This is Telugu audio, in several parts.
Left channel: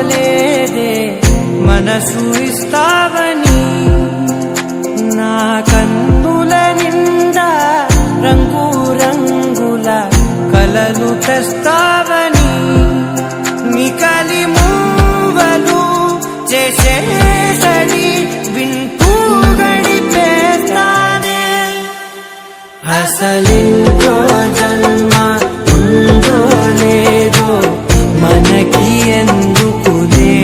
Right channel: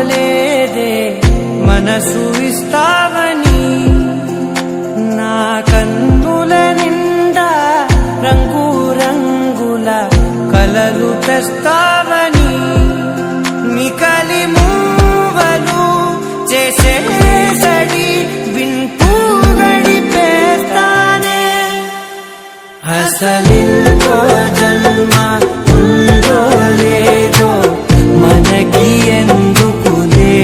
అనుకోలేదే మనసు ఇస్తావని, నా కన్నుల నిండా రంగు రంగుల కలలు తెస్తావని, నికలి మూవలు చేసేసడి వింటూ గడిపేస్తానే. అసలింకో జన్మ ఉందో లేదో మనకి ఎందుకులే,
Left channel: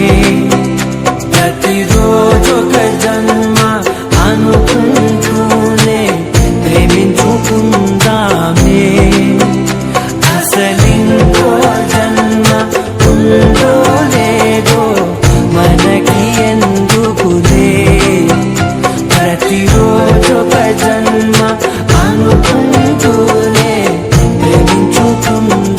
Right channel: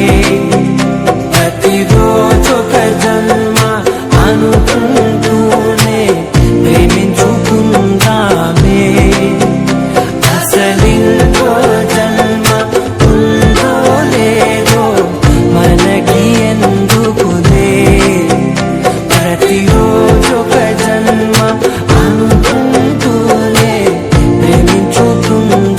ప్రతిరోజొక జన్మ అనుకుంటూనే ప్రేమించుకుందామే. అసలింకో జన్మ ఉందో లేదో మనకి ఎందుకులే, ప్రతిరోజొక జన్మ అనుకుంటూనే ప్రేమించుకుందామే.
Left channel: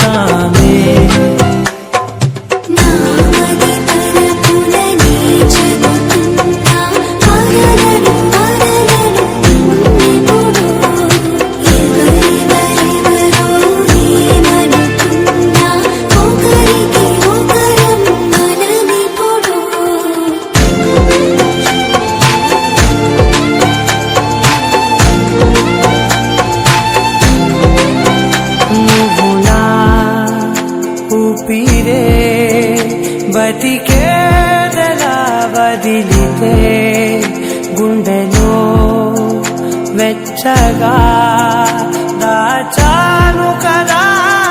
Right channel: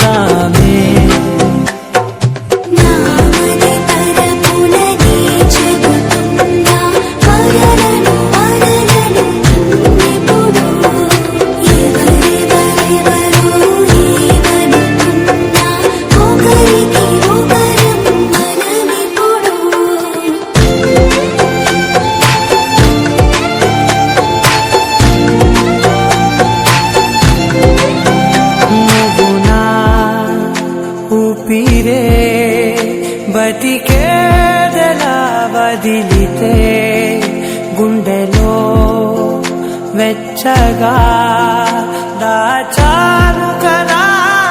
నువ్వు నా ఊపిరే బతికేదలా వదిలితే, గుండెలో వెచ్చగా దాచాను కదా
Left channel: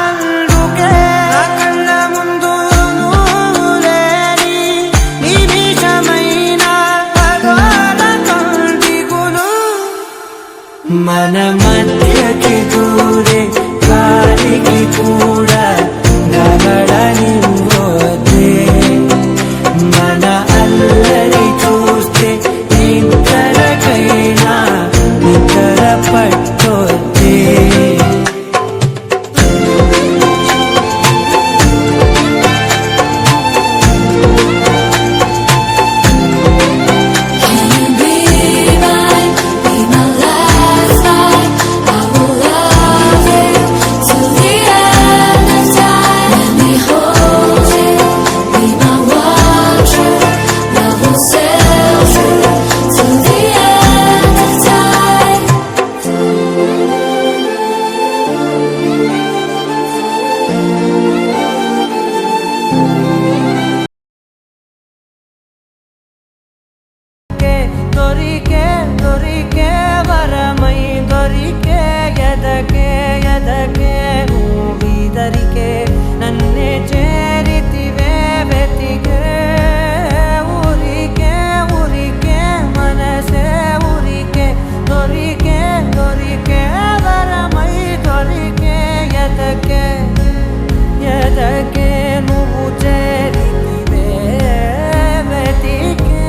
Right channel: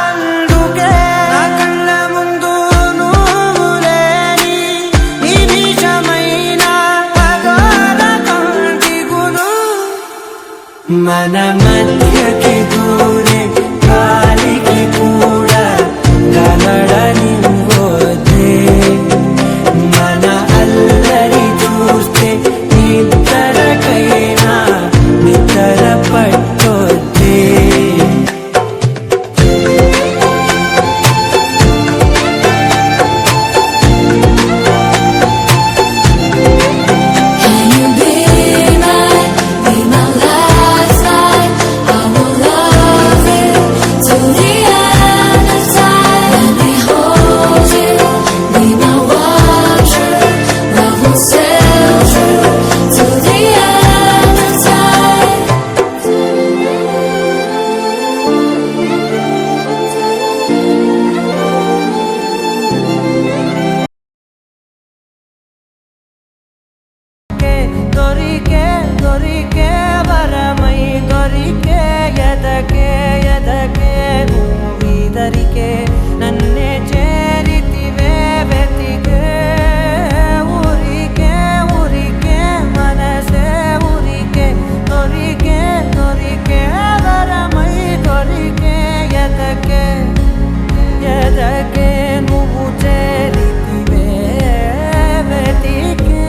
అందుకే. నా కళ్ళ ముందు నువ్వు లేని నిమిషమైన అఘోర కంటిగులు, మన మధ్యకి దూరే గాలికి కూడా గలడనివ్వదే, మన అల్లరి చూస్తే నిద్రకైనా నిద్ర పట్టొద్దే. దొరికే దొరికే వరమై దొరికే ఎదకే ఎదకే నువ్విదరికే, నన్నే చేరితివే వెతికే. ఊరికే ఊరికే మనసే ఊరికే, దొరికే దొరికే వరమై దొరికే ఎదకే ఎదకే నువ్వు చేరితివే వెతికే.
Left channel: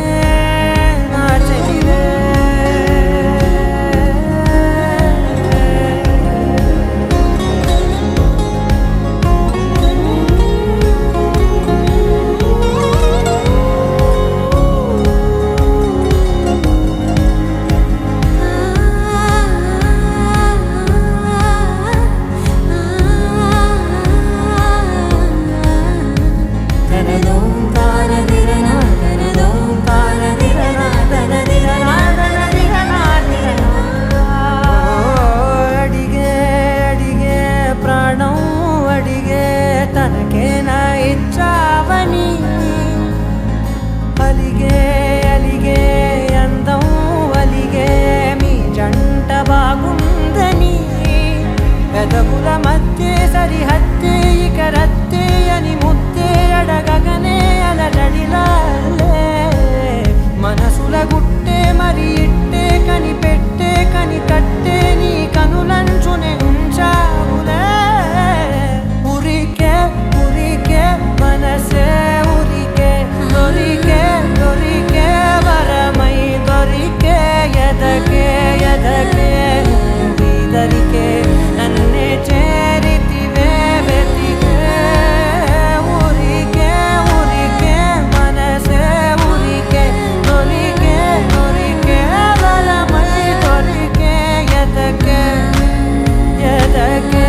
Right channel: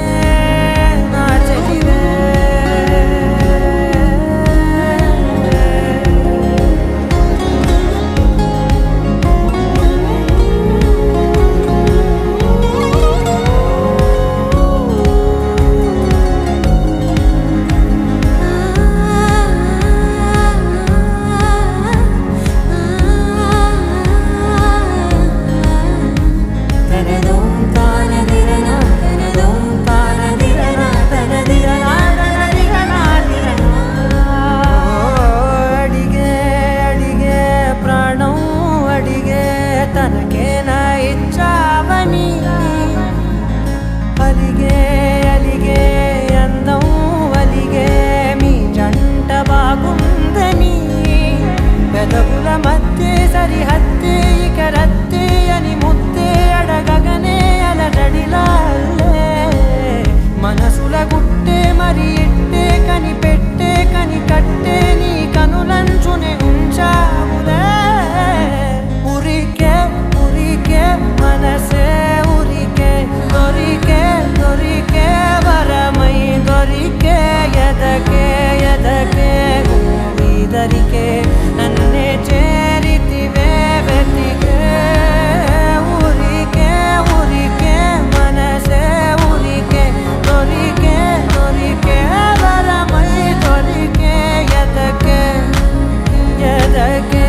తనకేనా ఇచ్చావని, అలిగే అలిగే అందం అలిగే మీ జంట బాగుందని, పెదవుల మధ్య సరిహద్దే ఇక రద్దే అని ముద్దే అడగగనే అలజడిలాలే, మనసుల గుట్టే మరి ఇట్టే కనిపెట్టే కని కట్టే నీ కనులంచునే ఉంచావులే. ఉరికే ఉరికే మనసే ఉరికే, దొరికే దొరికే వరమై దొరికే ఎదకే ఎదకే నువ్విదరికే, నన్నే చేరితివే వెతికే. ఊరికే ఊరికే మనసే ఊరికే, దొరికే దొరికే వరమై దొరికే ఎదకే ఎదకే